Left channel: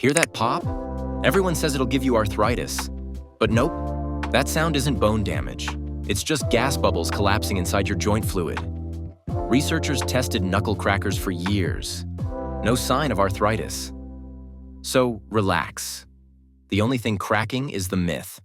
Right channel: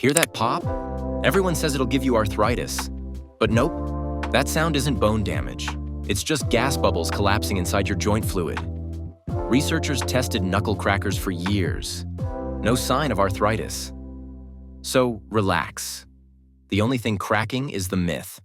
Hear that pop? Everyone says it'll give you arthritis. But nope, that sound isn't bone damage. It's just gas bubbles collapsing inside your joint fluid. Researchers tested knuckle-crackers for years. No sign of arthritis. So relax. The only thing cracking is the myth.